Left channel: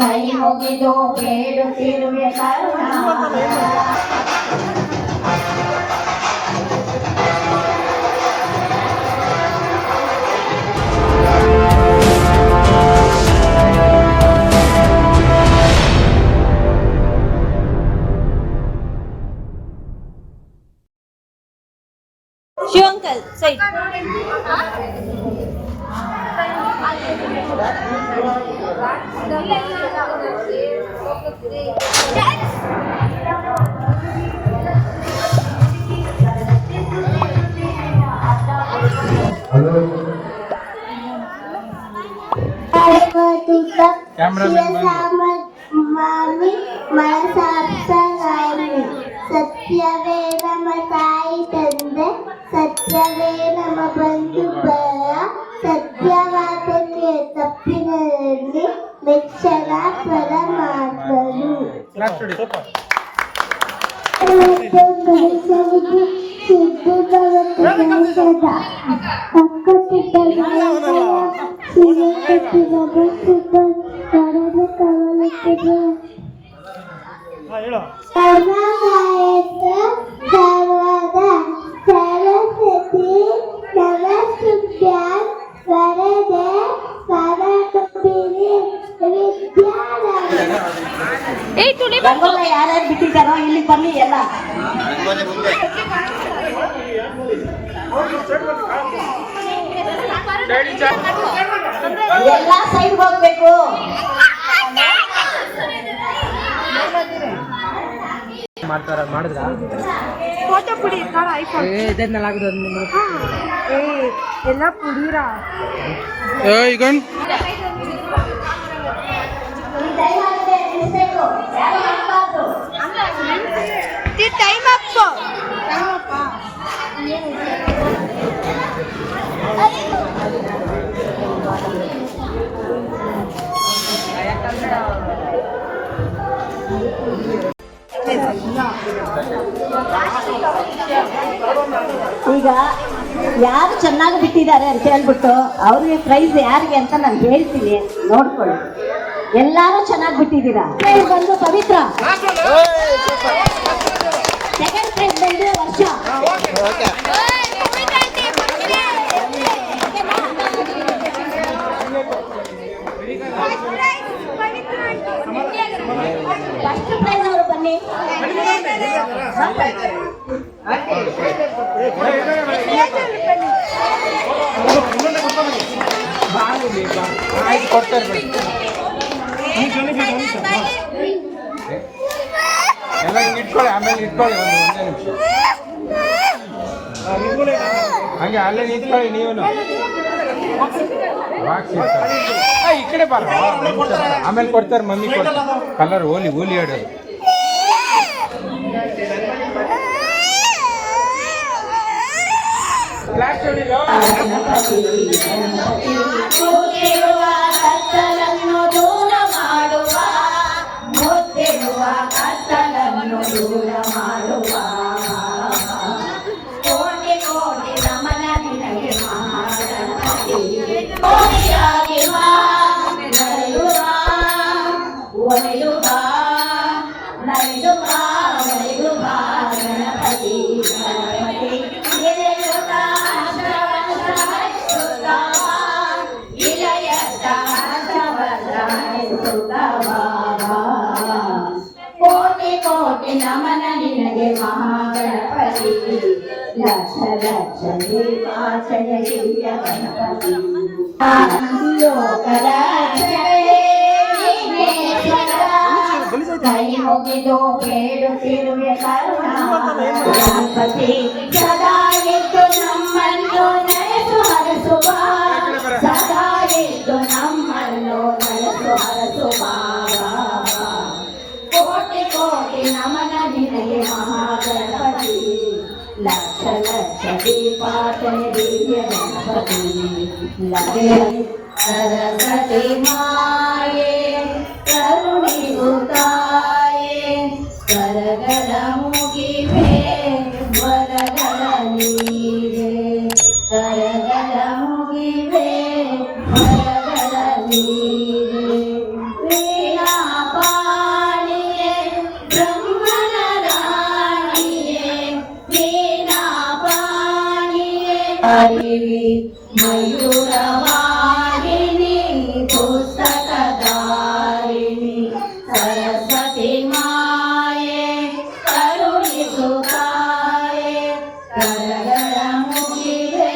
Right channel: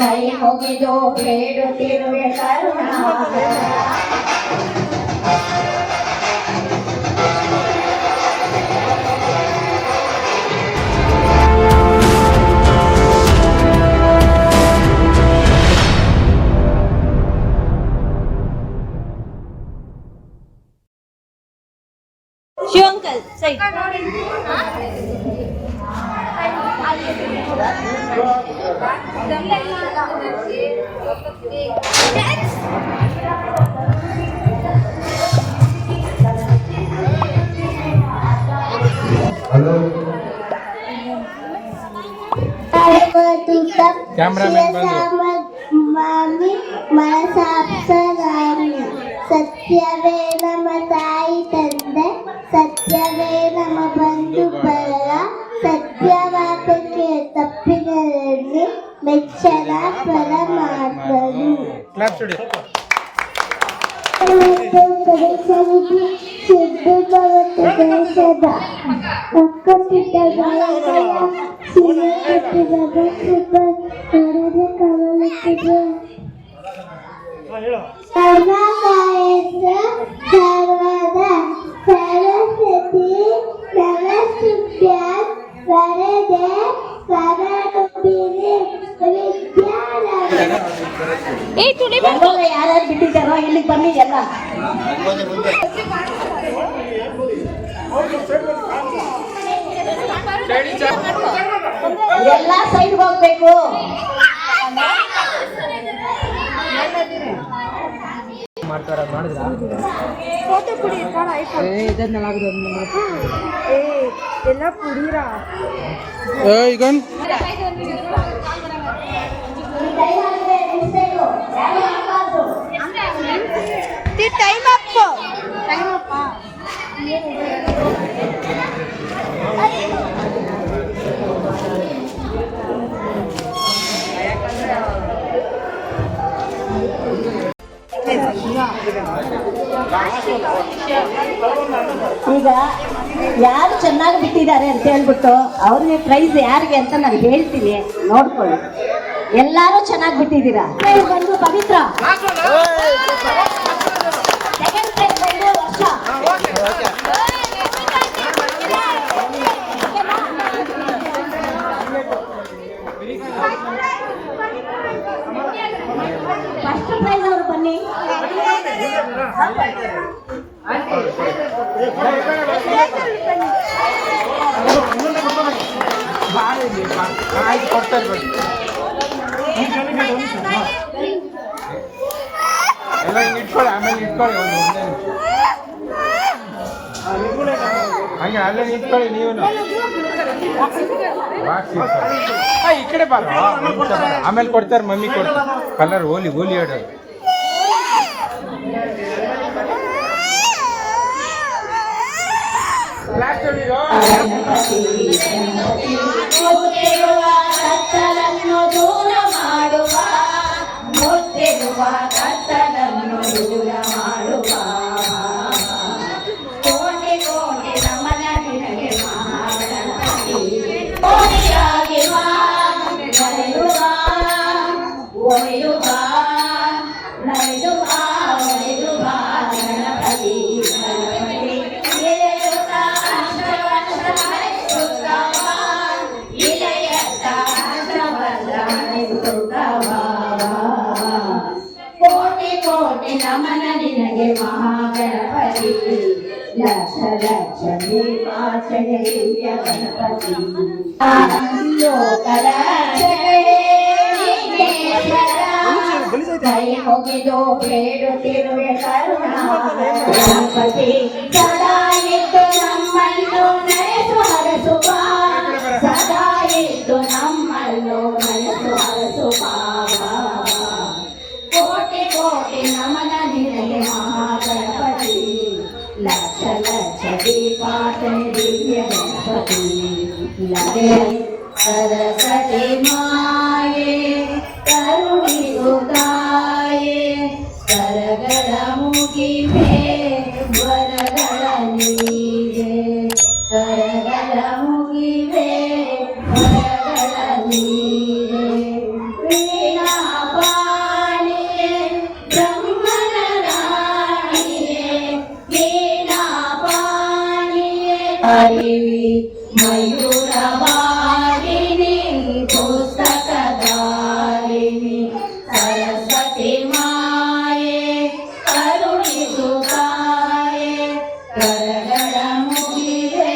ಕೈ ಮುಗಿದು ಬೇಡುತ್ತಿರುವೆ ಕರುಣಾ ಶಿವಂಕಲ್ ಸೈ ಸತ್ಯವೇ ನಮ್ಮ ತಾಯಿ ತಂದೆ, ಸತ್ಯವೇ ನಮ್ಮ ಬಂಧು ಬಳಗ, ಸತ್ಯವಾದಕ್ಕೆ ತಪ್ಪಿನಲ್ಲಿ ಮೆಚ್ಚಲ ಪರಮಾತ್ಮನು. ಸಿದ್ದು ಭಗವಂತ ದೇಶದ ಅಕ್ಕಸಿದ್ದ ಸರ್ವದ ಸರಸ್ವತಿ ನಮಸ್ತುಭ್ಯ ವರದೆ ವರದುಪಿರಿ ವಿದ್ಯಾಲಯ. ಯಾರ್ಯಾರು ಬಿಟ್ಟಿದ್ದಾರೋ ಇಲ್ಲಿ ಬನ್ನಿ ಎಲ್ಲ. ಎಲ್ಲ ಸೈಡ್ ಹೋಗ್ಬೇಕು. ಫೋಟೋ ಪುಡಿ ಎಲ್ಲ ಪುಡಿರಾ ಟೈಮ್ ಅಪ್ ಈಗ ಯಾರು ಚೆನ್ನಾಗಿ ಬಿಟ್ಟಿದ್ದಾರೆ ಅಂತ ಹೇಳ್ಬಿಟ್ಟು ಅವ್ರಿಗೆ ಪ್ರೈಸ್ ಯಾರಿಗೆ ಅಂತ ನಾನು ಹೇಳ್ತೀನಿ, ನೋಡ್ಕೊಳ್ಳಿ. ಎಲ್ಲಾರು ಚೆನ್ನಾಗಿ ಬಿಟ್ಟಿದ್ದೀರಾ. ಬಂದು ಪವಿತ್ರ ಸೆಕೆಂಡ್ ಪ್ರೈಸ್ ಬಂದು ವರ್ಷ. ಫಸ್ಟ್ ಪ್ರೈಸ್ ಅವರು ಬನ್ನಿ. ಎಲ್ಲ ಇಟ್ಕೊಳ್ಳಿ, ಆಮೇಲೆ ಇಟ್ಕೊಳ್ಳಿ ಒಂದೇ ನಿಮಿಷ ಹಂಗೆ ಅಲ್ಲೇ ನಿಂತ್ಕೊಳ್ಳಿ. ನೀವು ಈ ಕಡೆ ಬಾರ, ಆಮೇಲೆ ಕೊಡ್ತಾರೆ ಮಮ್ಮಿ ಕೊಡ್ತಾರೆ. ಕಲರ್ ಓಲಿ ಓಲಿ ಹೊಡೆಯೋದು. ದೂರ ಮಾಡುವ ಕೋಟಿ ಕೋಟಿ ನಮನ ನಿನಗೆ ಮಹಾಗಣಪತಿ. ಕೋಟಿಯಾಗಿ ನಡೆಯುವ ಒಲೆಯುವ ನಡೆಯುವ ಒಲೆಯುವ ಗಣಪತಿ ಕೋಟಿ ನಮನ ನಿನಗೆ ಮಹಾಗಣಪತಿ. ಲಕ್ಷ ಲಕ್ಷ ದೀಪಾಚಯ ದಿವ್ಯ ಗಣಪತಿ. ಲೋಕದ ಕೈ ಮುಗಿದು ಬೇಡುತ್ತಿರುವೆ ಕರುಣಾ ಗಣಪತಿ. ಸದಾ ಇದ್ದು ನಮ್ಮನ್ನು ನಡೆಸು ಹರಸುವ, ಸದಾ ಇದ್ದು ನಮ್ಮನ್ನು ನಡೆಸು ಹರಸುವ. ಕೋಟಿ ಕೋಟಿ ನಮನ ನಿನಗೆ ಮಹಾಗಣಪತಿ. ಲಕ್ಷ ಲಕ್ಷ ದೀಪಾಚಯ ದಿವ್ಯ ಗಣಪತಿ. ಸರಸ್ವತಿ ಮಾಯೆ ಕರುಣಿಸು ತಾಯೆ, ಕರಗಳ ಮುಗಿವೆ ಅರಿವಿ ಮಯೂರವಾಹಿನಿ ಪುಸ್ತಕಧಾರಿಣಿ ಸರಸ್ವತಿ ಮಾಯೆ ಕರುಣಿಸು ತಾಯೆ ಕರಗಳ ಮುಗಿವೆ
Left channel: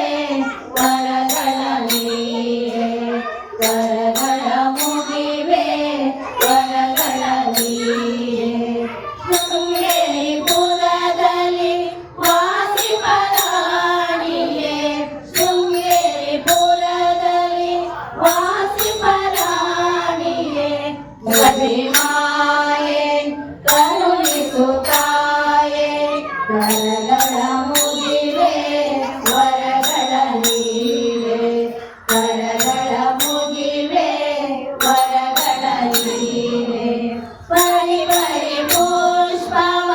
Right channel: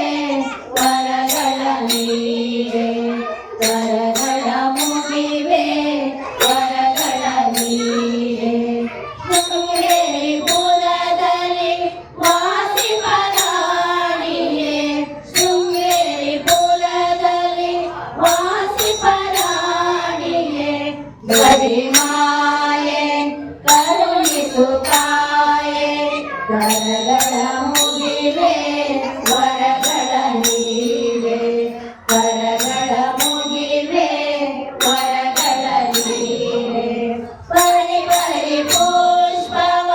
ವರಗಳ ನೀರೆ ಕರಗಳ ಮುಗಿವೆ ವರಗಳ ನೀರೆ ಶೃಂಗೇರಿಪುರದಲ್ಲಿ ವಾಸಿಪರಾಣಿಯೇ ಶೃಂಗೇರಿಪುರದಲ್ಲಿ ವಾಸಿಪರಾಣಿಯೇ ಗರಿಮಾಯೆ ಕರುಣಿಸು ತಾಯೆ ಕರಗಳ ಮುಗಿವೆ ವರಗಳ ನೀರೆ ಕರಗಳ ಮುಗಿವೆ ವರಗಳ ನೀರೆ ಬರಿ ಬರಿ ಪುಷ್ಪವ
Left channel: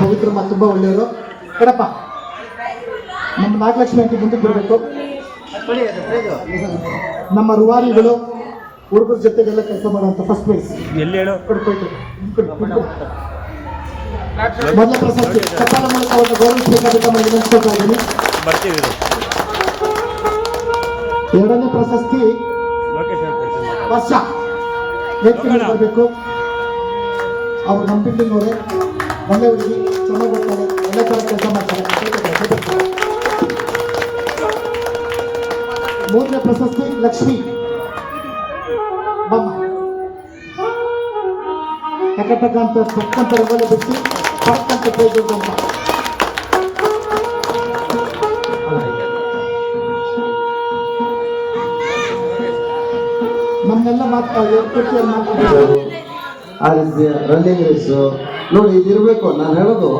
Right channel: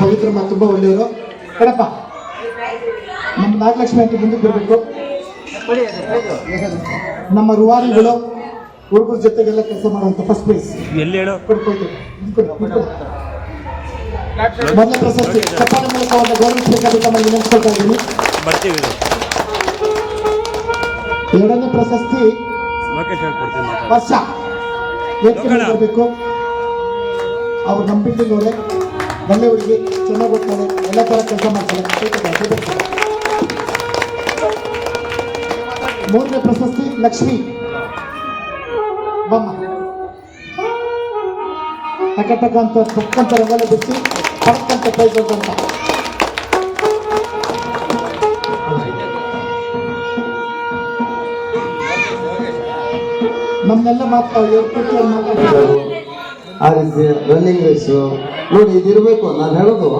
ಪವಿತ್ರ ತುಂಬಾ ಒಳ್ಳೆಯವರು ಕಣಪ್ಪ ನಮ್ಮ ನಾಗಲಕ್ಷ್ಮಿ ಅಂತ ಮುಂದಕ್ಕೆ ಬರಬೇಕು. ನಮ್ಮ ರೂವಾರಿಗಳು ಹುಡುಗರ ಜೊತೆಗೆಲ್ಲ ಕೆಲಸ ಮಾಡುವಂತ ಫಸ್ಟ್ ಪ್ಲೇಸ್ ಎಲ್ಲಿ ಹೇಳು ಮೊದಲ ಪ್ರಶಸ್ತಿ ಕಟ್ಟಡ ಮೂಲಕ ಅವರನ್ನು ಗೌರವಿಸಬೇಕಾದ ವಿನಂತಿಸ್ಕೊಳ್ತಾ ಇದ್ದೀನಿ. ಬರ್ತೀವಿ. ಎರಡನೇ ಪ್ರಶಸ್ತಿ ವರ್ಷ ಬರಬೇಕು. ಅವ್ರು ನಮ್ಮ ಬಿಲ್ಡಿಂಗ್ ಅವರೇ ಒಳ್ಳೆ ಹುಡುಗಿ ಚೆನ್ನಾಗಿ ಹೋಗ್ತಾರೆ ಎಲ್ಲ ಥರ ಕೆಲಸ ಮಾಡ್ತಾರೆ. ಮೂರನೇ ಪ್ರಶಸ್ತಿ ಲಕ್ಷ್ಮಿ ಬಮ್ಮ ಟಕ ಅಂತ ತಕ್ಕಂತ ರಂಗೋಲಿ ಬಿಟ್ಟು ತಕ್ಕಂತ ಪ್ರೈಸ್ ಅಂತ ನಮ್ನೆಲ್ಲ ಮಾತಾಡೋದು ಆ ರೀತಿ ರನ್ನಿಂಗ್ ರೇಸು ನೋಡಿ ಇದಿರಬೇಕು. ನಾನು ಹೇಳೋದು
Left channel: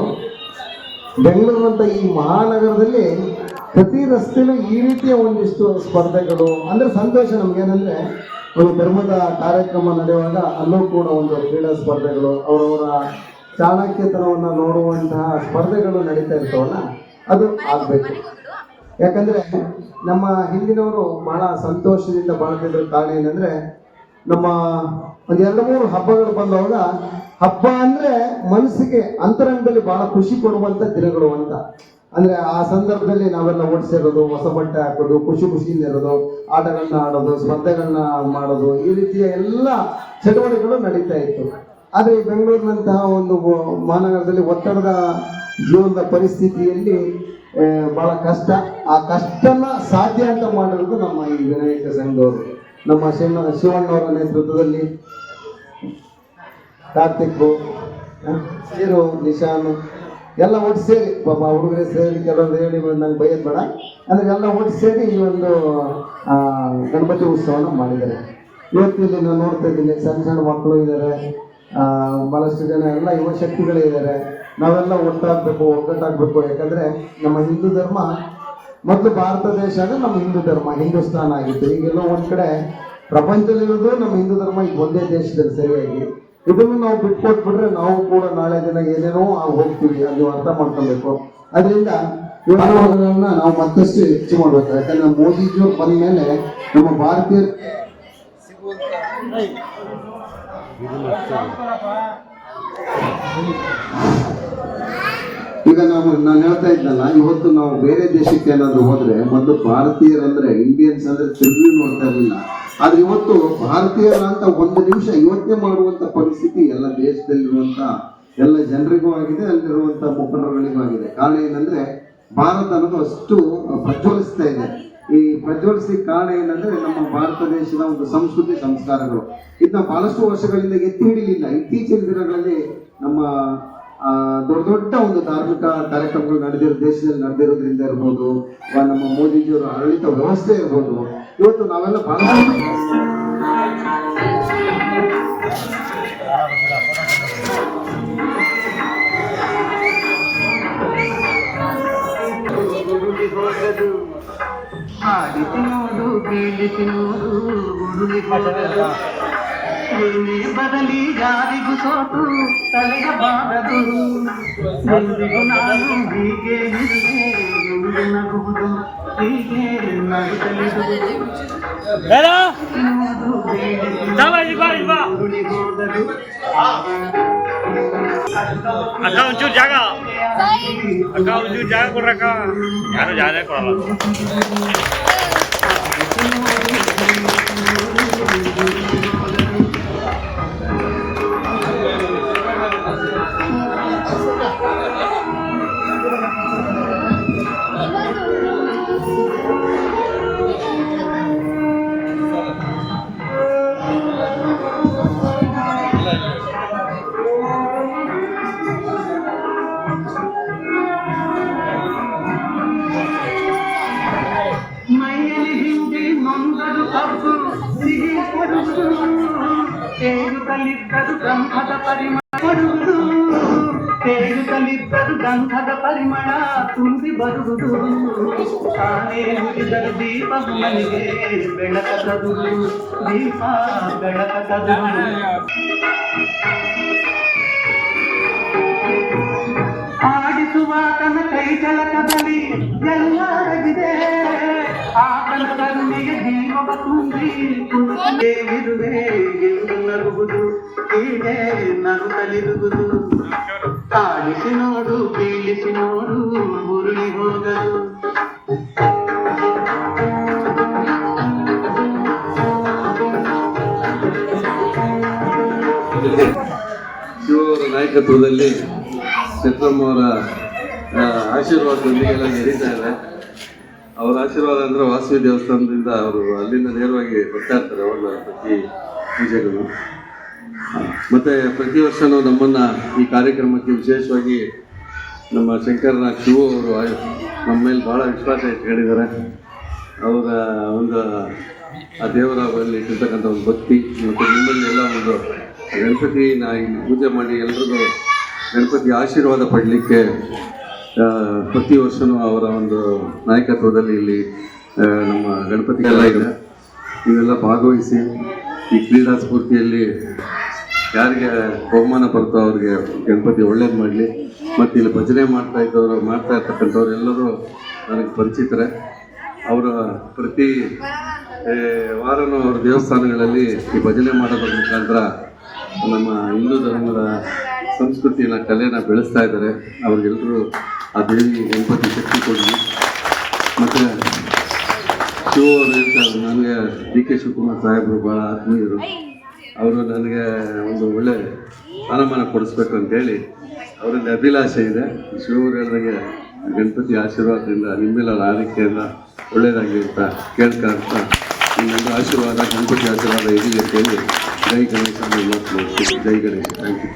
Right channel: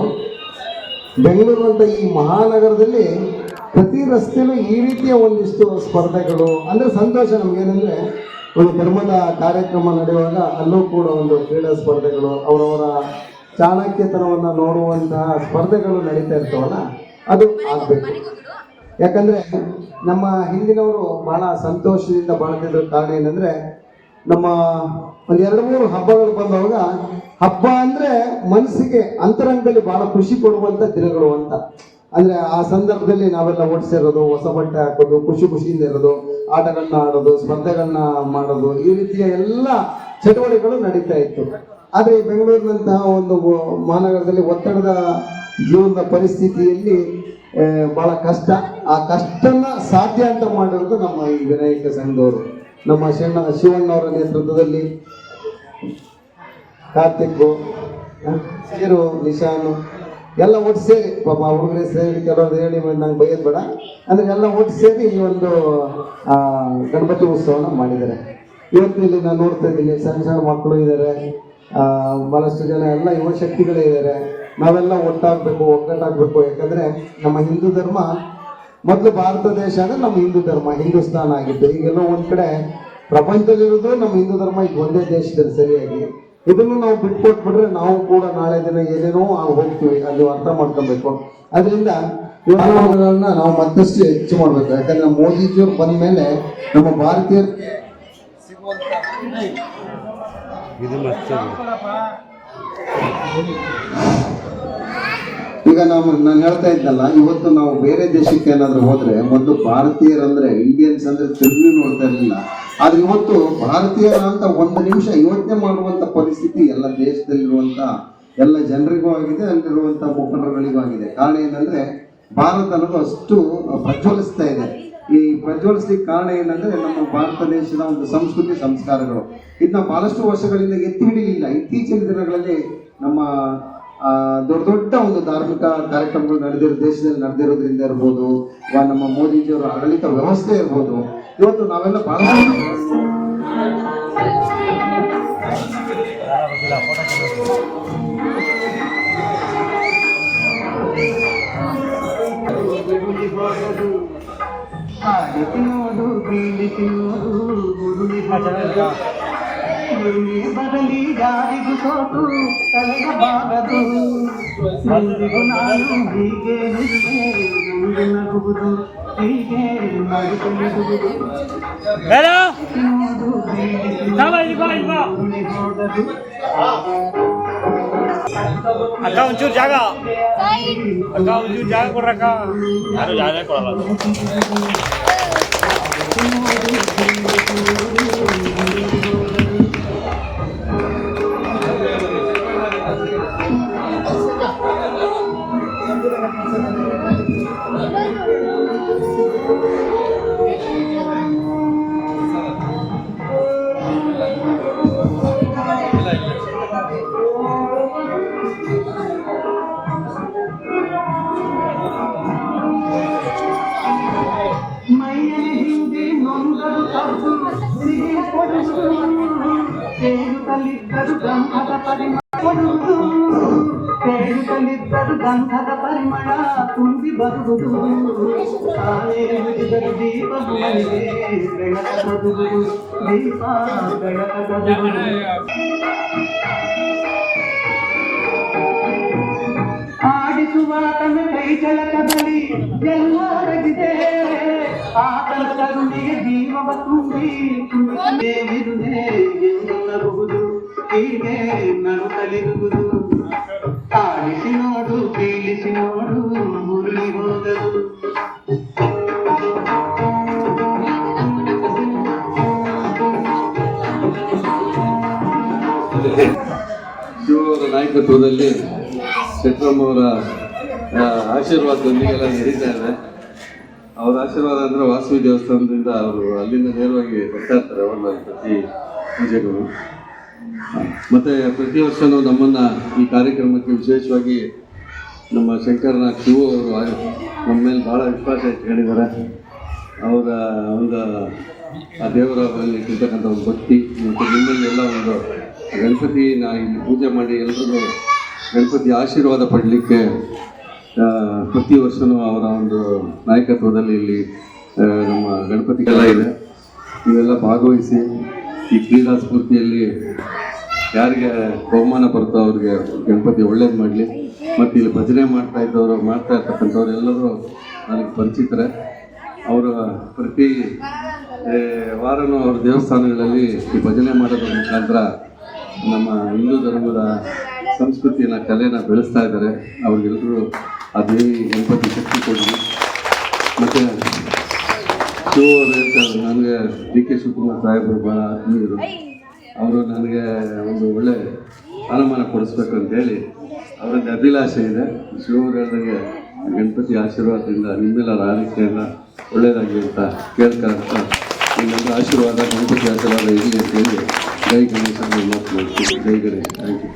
ಬೆಂಗಳೂರು ಅಂತ ಈ ಮಹಾನಗರದಲ್ಲಿ ಪ್ರತಿ ರಸ್ತೆಯಲ್ಲೂ ಈ ರೀತಿಯ ಒಂದಿಷ್ಟು ಸ್ಪರ್ಧೆಗಳು ಅಂದರೆ ಸಂತೋಷ ನಮಗೇನೆಂದರೆ ಒಂದು ಧರ್ಮದ ಕಾರ್ಯಕ್ರಮ ನಡೆಯುವಾಗ ಅಲ್ಲೂ ಕೂಡ ಒಂದು ಕ್ರೀಡಾ ಸ್ಪರ್ಧೆಗಳು ಅವರವರ ಚಾಣಕ್ಯತನವನ್ನು ನೋಡುವಂತಹ ಸ್ಪರ್ಧೆಗಳು ನಡೀತಾ ಇರ್ತಾವಲ್ಲ ಅದು ಆಗಬೇಕು. ಯಾಕಂದರೆ ನಮ್ಮ ಹಿಂದಿನವರು ಬಹಳ ಸಂತೋಷದಿಂದ ಬಾಳ್ತಿದ್ರು. ಕಾರಣ ಏನಂದರೆ ನಮ್ಮ ಒಂದು 2-3 ಹಬ್ಬಗಳು ಬಂದವಾಗ ಹಬ್ಬ ಅಂದರೆ ಮನಸ್ಸಿಗೆ ಅಂತರಂಗದಲ್ಲಿ ಬಹಳ ಖುಷಿ ಕೊಡುವಂಥ ದಿನಗಳು ಅಂತ. ಅಂದರೆ ಆ ಸಂದರ್ಭದಲ್ಲಿ ನಾವೆಲ್ಲ ಓಡಿಸಿರೋದು, ಹೊಸ ಬಟ್ಟೆ ಹಾಕೋದು, ಖುಷಿಯಿಂದ ಇರೋದು, ಆಟಗಳನ್ನ ಆಡೋದು, ಸ್ಪರ್ಧೆಗಳನ್ನ ಮಾಡೋದು, ಈ ರೀತಿಯ ಎಲ್ಲ ಚಟುವಟಿಕೆಗಳು ನಡೀತಾ ಇತ್ತು. ಆದರೆ ಈ ಬೆಂಗಳೂರಿನಂತಹ ಒಂದು ಮಹಾನಗರದಲ್ಲಿ ಒತ್ತಡದ ಜೀವನದ ಪರಿಸ್ಥಿತಿಯಲ್ಲಿ ಬಹಳ ಕಷ್ಟ. ಆ ಕಷ್ಟನ ಸಾಧ್ಯ ಅಂತ ಮಾಡಿರೋದು ನಮ್ಮ ಈ ವಿನಾಯಕ ಸಂಘದವರು. ನಮ್ಮ ಶಿವಣ್ಣವರ ನೇತೃತ್ವದಲ್ಲಿ ಕಾರ್ತಿಕ್, ಸೀರು, ನಿಶಾನು ಎಲ್ಲ ಒಟ್ಟು ಸೇರಿ ಪಾಪ ಹುಡುಗರೇ ಸೇರಿ ಕೆಲವರು ಹೇಳಿ ನಂಗೆ ಬೈಯೋದು ಬೇಡ ಅಂದರೆ ಎಲ್ಲ ಒಟ್ಟು ಸೇರಿ ಈ ಒಂದು ಗಣಪತಿ ಉತ್ಸವನ ಮಾಡಿದ್ದಾರೆ. ಇವತ್ತು ಇಲ್ಲಿ ನಾನು ನೋಡ್ತಾ ಇದ್ದೀನಿ ಸಣ್ಣ ಸಣ್ಣ ಮಕ್ಕಳು ಇದ್ದಾರೆ, ಭಾಳಷ್ಟು ಜನ ಎಲ್ಲ ಯುವ ಶಕ್ತಿಗಳೇ ಇದ್ದಾರೆ. ನಾವೆಲ್ಲ ಒಟ್ಟಾಗಬೇಕು, ಒಗ್ಗಟ್ಟಾಗಬೇಕು. ಯಾಕಂದರೆ ನಮ್ಮ ಹಿಂದೂ ಧರ್ಮ ಮೊದಲು ಭಾರತ ದೇಶ ಅಂದರೆ ನಮ್ಮ ಹಿಂದೂ ಧರ್ಮ ಹಿಂದೂಸ್ತಾನ ಆಗಿತ್ತು. ಈಗೆಲ್ಲ ಒಂದು ಕಡೆ ಪ್ರಪಂಚದಲ್ಲಿರೋದು ನಮ್ಮ ಹಿಂದೂ ಧರ್ಮ ಇದು ಒಂದೇ ದೇಶದಲ್ಲಿ ಸರಿಯಾಗಿ. ಇದನ್ನು ನಾವು ಬಿಟ್ಕೊಟ್ಬಿಟ್ರೆ ನಾವು ಕೂಡ ನಾಳೆ ದಿನ ಏನೇನೋ ಹೋಗ್ತೀವಿ, ಅದು ಅರ್ಥ ಮಾಡ್ಕೊಬೇಕು. ಅದರಿಂದ ಮಾನವಗಳನ್ನ ನಾವು ಮತ್ತಷ್ಟು ಹೆಚ್ಚು ಮಾಡ್ಬೇಕು. ಯಾಕಂದ್ರೆ ಮೋದಿಜಿಯವ್ರು ಬಂದ ಮೇಲೆ ನಮ್ಮ ಭಾರತೀಯರು ಈಗ ನಾನು ಹೇಳ್ತಾ ಇದ್ದಲ್ಲ, ಇವತ್ತು ನಾವು ಬೇರೆ ದೇಶಕ್ಕೆ ಏನಾದ್ರು ಹೋದ್ರೆ ಮೊದಲು ಭಾರತೀಯರಂದ್ರೆ ಇಂಡಿಯನ್ಸ್ ಅಂದ್ರೆ ತಿರುಗಿ ನೋಡ್ತಾ ಇರಲಿಲ್ಲ. ಆದ್ರೆ ಇವತ್ತು ಭಾರತೀಯರ ಅಂತ ಒಂದು ನಿಮಿಷ ಯೋಚನೆ ಮಾಡುವಂತ ಪರಿಸ್ಥಿತಿ ಎಲ್ಲ ದೇಶದಲ್ಲಿರುವಂತ ಎಲ್ಲ ಜನರಿಗೂ ಆಗಿದೆ, ಅಲ್ಲಿರುವಂತ ಮುಖಂಡರುಗಳಿಗೂ ಆಗಿದೆ. ಕಾರಣ ಏನಂದ್ರೆ ಭಾರತ ಅನ್ನೋದು ಅಷ್ಟು ಪ್ರಜ್ವಲಿಸ್ತಾ ಇದೆ. ಈ ಪ್ರಜ್ವಲಿಸ್ಲಿಕ್ಕೆ ಕಾರಣ ಏನಂದ್ರೆ ನಮ್ಮ ಭಾರತ ದೇಶದ ಒಂದು ಸಂಸ್ಕೃತಿ ಸಂಸ್ಕಾರಗಳು. ಇದನ್ನ ಬಹಳಷ್ಟು ವರ್ಷಗಳಿಂದ ಎತ್ತಿ ಹಿಡಿಯಲಿಲ್ಲ. ಇತ್ತೀಚಿನ ದಿನಗಳಲ್ಲಿ ನಮ್ಮ ದೊಡ್ಡ ದೊಡ್ಡ ಒಂದು ಧಾರ್ಮಿಕ ಕಾರ್ಯಕ್ರಮಗಳು ದೇಶದಲ್ಲಿ ನಡೆದಿರೋದ್ರಿಂದ ಇರ್ಬೋದು, ನಮ್ಮ ಮೋದಿಜಿಯವರ ಆಡಳಿತ ವ್ಯವಸ್ಥೆ ಇರ್ಬೋದು, ಇವತ್ತು ನಾವೆಲ್ಲ ಬಹಳ ಬದಲಿ ಯಾರಿಗೂ ಸೋತು ತಲೆಯ ಬಾರದು, ಹೀಗೆ ನಗುವುದು, ಹೀಗೆ ಅಕ್ಕ ಒಂಚೂರು ಜಾಗ ಕೊಡ್ರಕ್ಕ, ಯಾರು ಜಾಗ ಕೊಡಲ್ಲ. ಗಂಧದ ಪರಿಮಳ ತುಂಬಿ ಬರುವುದು, ತಾನೇ ಮುಗಿದರು ದೀಪ ಮನೆಗೆ ಬೆಳಕದು, ದೀಪ ಬೆಳಕದು. ಆಡಿಸುವ ತನ್ನ ಕೈ ಜಲಕದಲ್ಲಿ ಎಲ್ಲರಗಿದೆ, ಆತನ ಕರುಣಿಗೆ ಜೀವವ ತುಂಬಿ ಇರುವೆ ಎಂದು ನಗುವುದು, ಹೀಗೆ ನಗುತ್ತಲಿರುವುದು. ಆಡಿಸಿ ನೋಡು, ಬೀಳಿಸಿ ನೋಡು, ಮುರುಳಿ ಹೋಗದು. ಶಿವರ ನಾಯಕತ್ವದಲ್ಲಿ ಚಕ್ರಮ್ಮವರ ಆಶೀರ್ವಾದದೊಂದಿಗೆ ಎಲ್ಲ ನಡೀತಾ ಇದೆ. ಅವರ ಆಶೀರ್ವಾದ ಅಂದ್ರೆ ವಾಸವಿ ದೇವಸ್ಥಾನದಿಂದ ಅವರು ಅಲ್ಲಿಂದ ನೇರವಾಗಿ ಬರ್ತಾ ಇರ್ತಾರೆ ಅವರ ಪ್ರತಿ ಪೂಜೆಗಳು. ಮತ್ತೆ ಪ್ರತಿ ವರ್ಷನೂ ನಮ್ಮನ್ನ ಈ ಕಾರ್ಯಕ್ರಮಕ್ಕೆ ವಿಶೇಷವಾಗಿ ನಮ್ಮ ಶಂಕರನಾಗ್ ಶಿವು ಅವರು ನಮ್ಮ ಮೇಲೆ ಬಹಳ ವಿಶ್ವಾಸ ಇಟ್ಕೊಂಡಿದ್ದಾರೆ. ಅವರ ಒಂದು ಆ ದೇವರ ಮೇಲೆ ಇಟ್ಟಿರ್ತಕ್ಕಂಥ ಒಂದು ಭಕ್ತಿ ಮತ್ತು ನಿಮ್ಮಲ್ಲೆಲ್ಲ ಒಂದು ಗಣಪತಿನ ಇಲ್ಲಿ ಪೂಜೆ ಮಾಡಿ ಎಲ್ರಿಗೂ ಗಣಪತಿ ಆಶೀರ್ವಾದ ಪಡಲಿಕ್ಕೆ ಪ್ರತಿ ವರ್ಷವೂ ಅವರ ಒಂದು ನಾಯಕತ್ವದಲ್ಲಿ ಇಲ್ಲಿ ನಮ್ಮ ಗಣಪತಿ ಎಲ್ಲ ಇದೆ. ಇವೆಲ್ಲ ಭಾಗವಹಿಸಿ ಈ ಕ್ರೀಡಾ ಸ್ಫೂರ್ತಿಯಲ್ಲಿ ಯಾರಿಗೆ ಬಹುಮಾನ ಬರ್ತೋ ಅವ್ರಿಗೆ ಗಣಪತಿ ಒಳ್ಳೇದು ಮಾಡಲಿ. ಮತ್ತು ಇಲ್ಲಿ ಭಜನೆ ಮಾಡ್ತಾ ಇರ್ತಕ್ಕಂಥವ್ರು ಎಲ್ಲರೂ ನನಗೆ ಪರಿಚಿತರೆ. ಅವರ ಪ್ರತಿ ವಾರನೂ ಅವ್ರ ದೇವಸ್ಥಾನಗಳಲ್ಲಿ ಈ ಭಜನೆ ಮಾಡೋದ್ರ ಮುಖಾಂತರ ನಮ್ಮ ಹಿಂದೂ ಧರ್ಮದ ಸಂಸ್ಕೃತಿನ ಕಲೆನ ಬೆಳೆಸ್ತಾ ಇದ್ದಾರೆ. ಅವ್ರಿಗೆಲ್ಲರೂ ಆ ದೇವಿ ಗಣಪತಿ ಶಕ್ತಿ ಕೊಡಲಿ. ಮತ್ತು ನನಗೆ ಡಿ ಕೆ ಶಿವಕುಮಾರ್ ಸಾಹೇಬರು ಭಾಳ ಆತ್ಮೀಯರು. ಅವರು ನನಗೆ ಒಂದು ಒಳ್ಳೆ ಸ್ಥಾನಮಾನ ಕೊಡಿಸ್ಬೇಕು ಅಂತೇಳಿ ಅವರಲ್ಲಿ ಅಭಿಲಾಷೆ ಇದೆ. ಶಿವರಿಗೆ ಗಣಪತಿ ಆಶೀರ್ವಾದದಿಂದ ನಿಮ್ಮೆಲ್ಲರ ಆರೈಕೆಯಿಂದ ಒಳ್ಳೆಯದಾಗಲಿ ಅಂತ ಕೇಳ್ತಾ ನಿಮ್ಮೆಲ್ಲ ಆಶೀರ್ವಾದ ಗಣಪತಿ ಆಶೀರ್ವಾದ ಇರಲಿ ಅಂತ ಹೇಳಿ ಜೈ ಗಣೇಶ ಮಾಡ್ತೀನಿ. ಜೈ ಗಣೇಶ. Thank you.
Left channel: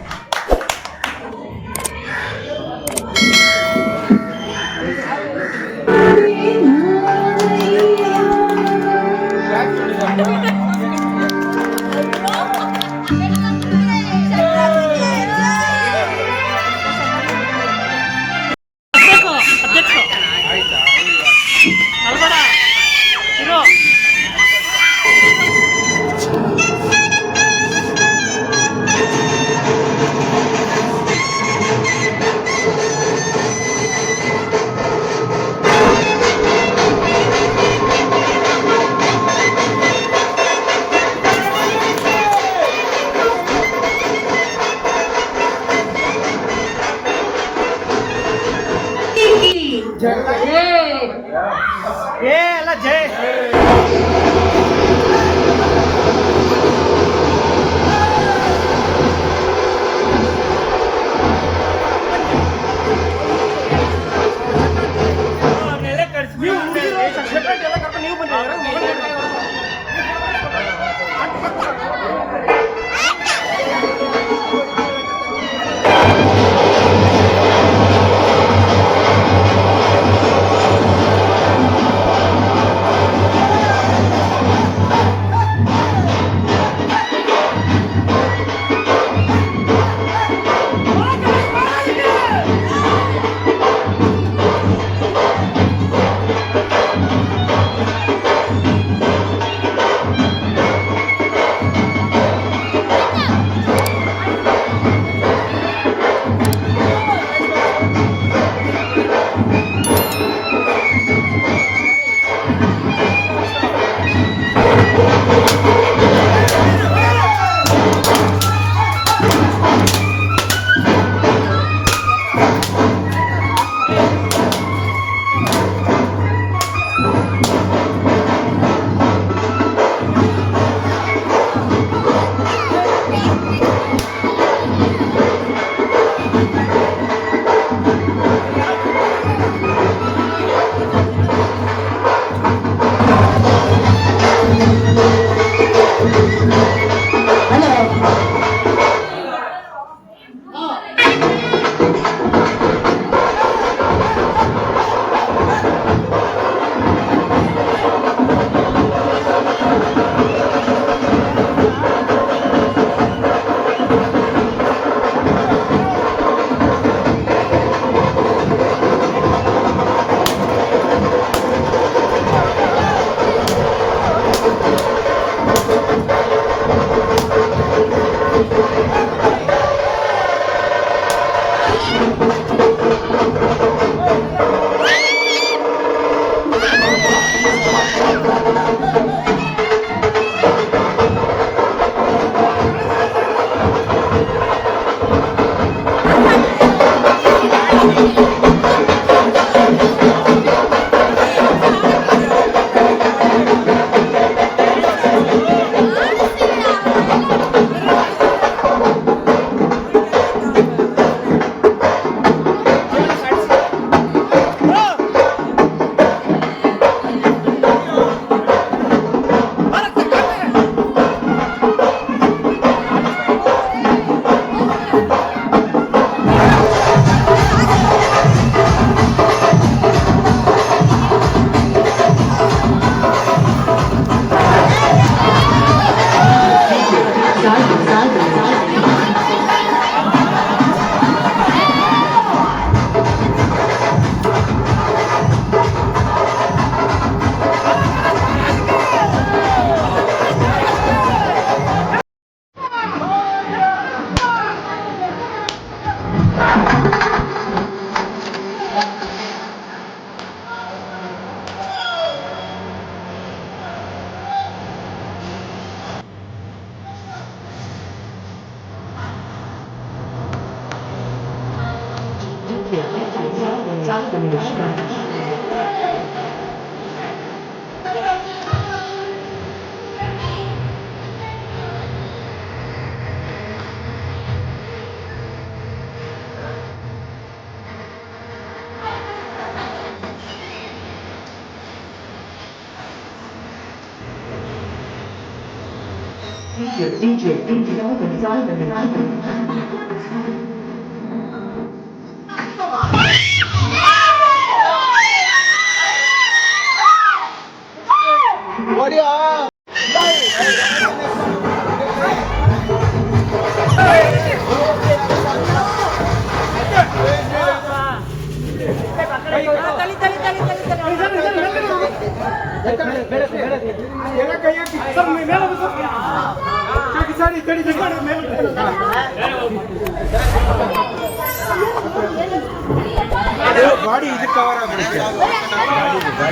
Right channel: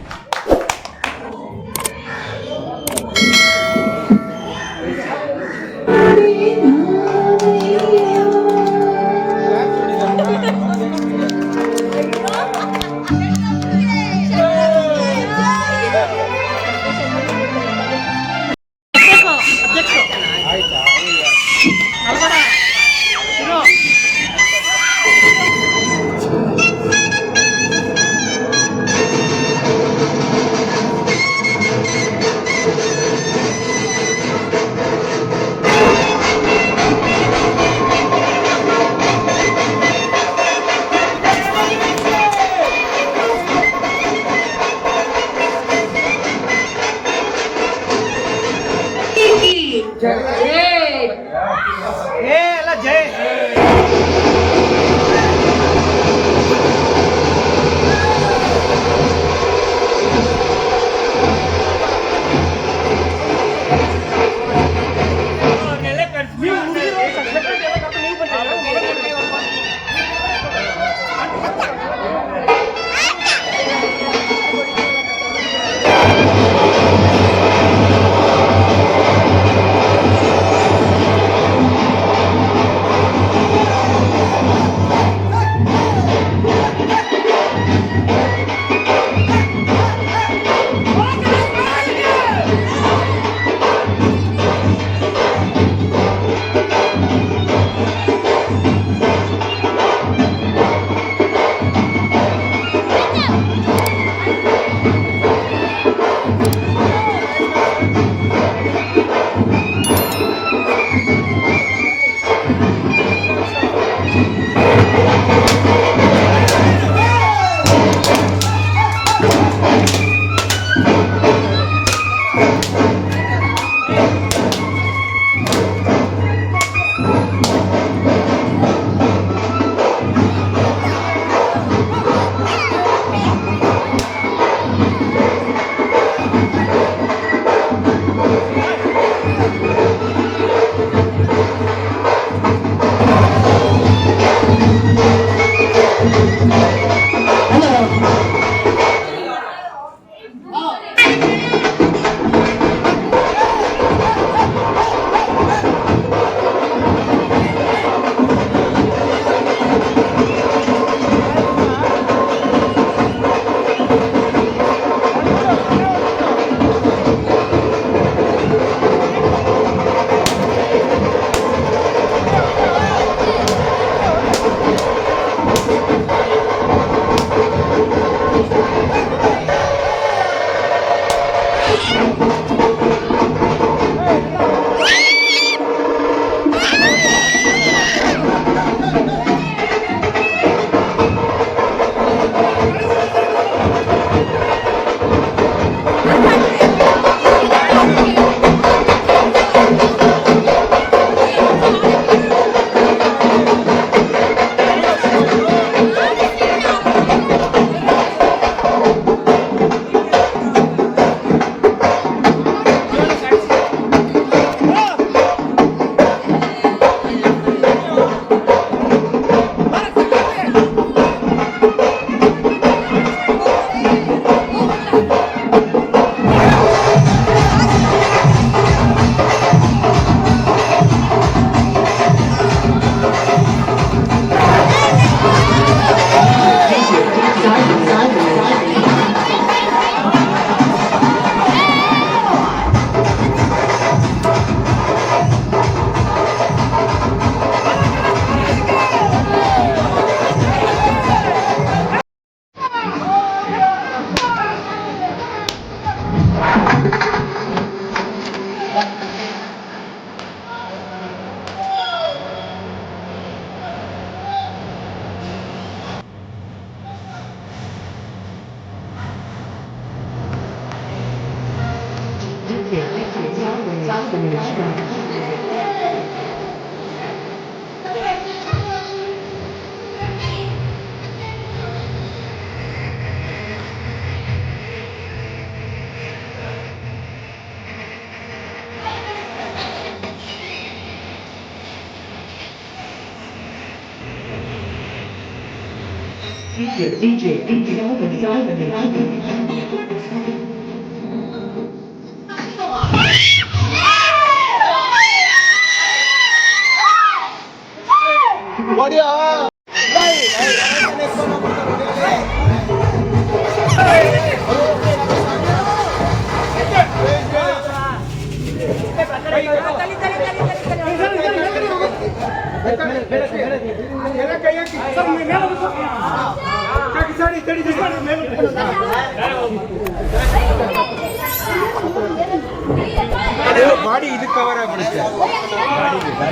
ಗಾಡಿ ಇದು ಕವರ್ ಆಗ್ಬಿಡುತ್ತೆ,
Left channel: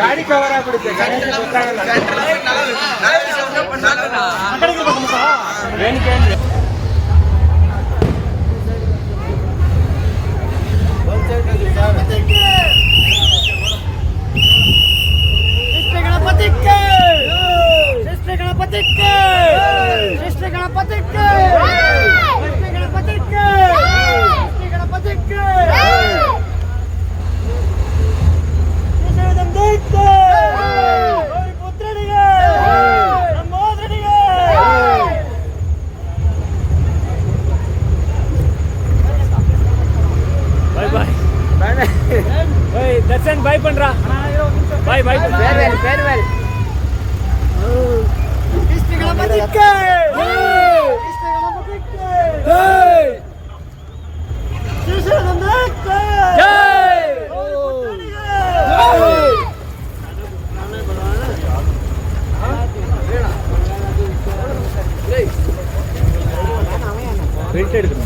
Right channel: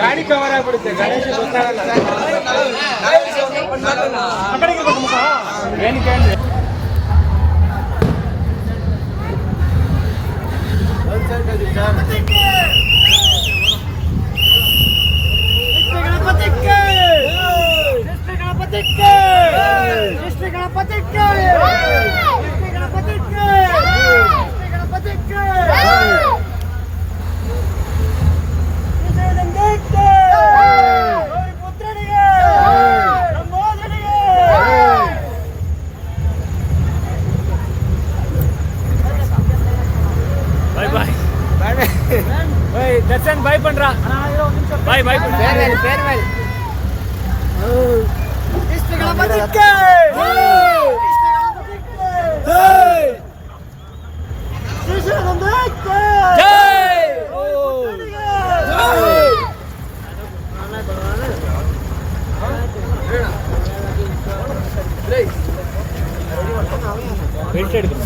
ಗಾಡಿ ಕವರ್ ಆಗ್ಬಿಡುತ್ತೆ. ಏನಕ್ಕೆ ಅಂದ್ರೆ ದರ್ಶನ್ ಬಾಯ್ ಪಂಡ್ರ ಬಾಯ್ ಬಾಯ್ ಫೇರ್ವೆಲ್ ಬೆಲ್ಟ್ ಹಿಡಿದು